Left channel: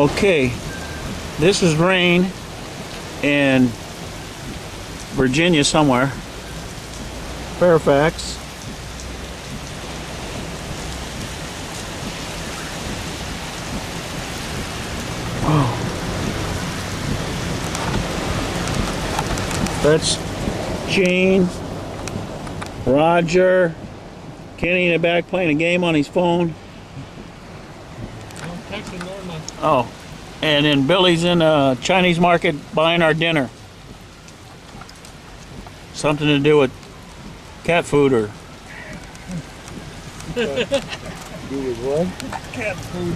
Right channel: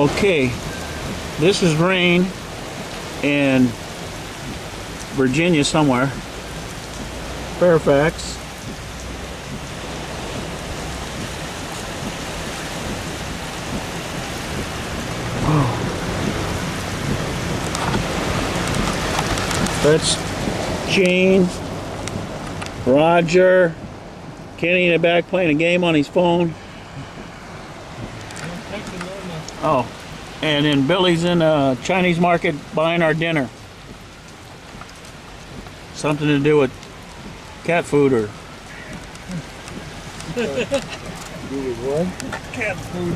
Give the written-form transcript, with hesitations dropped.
Okay, this is rain in Virginia somewhere. Fairfax. That's Gene, Roger, Kenny in the back playing a game on his phone. Oh, and then Billy's in a Chinese market buying our dinner. Something to do with cat food or... Do with what? Cat food.